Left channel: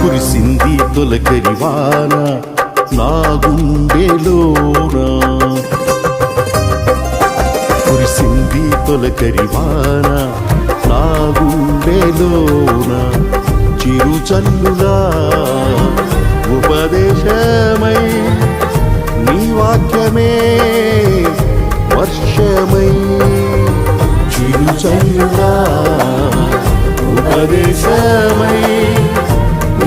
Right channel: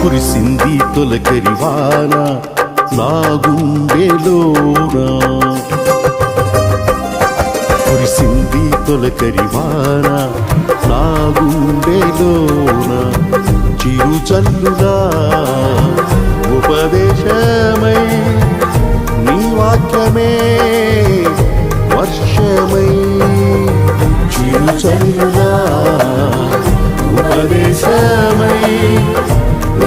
కురిసింది తొలకరివాన నా గుండెలోనా కురిసింది తొలకరివాన నా గుండెలోన చిరుచల్లులా ఉపదేశమై నీ వాక్యమే వర్షమై. చిరు చల్లులా ఉపదేశమై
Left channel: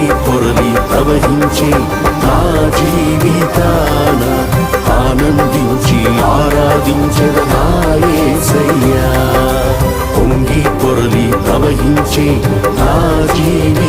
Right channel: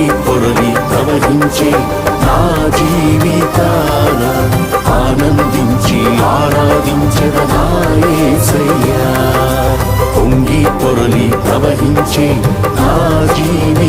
పొంగి పొరలి ప్రవహించే నా జీవితాన ఆనందించి ఆరాధించద నాయసయ్యా పొంగి పొరలి ప్రవహించే నా జీవి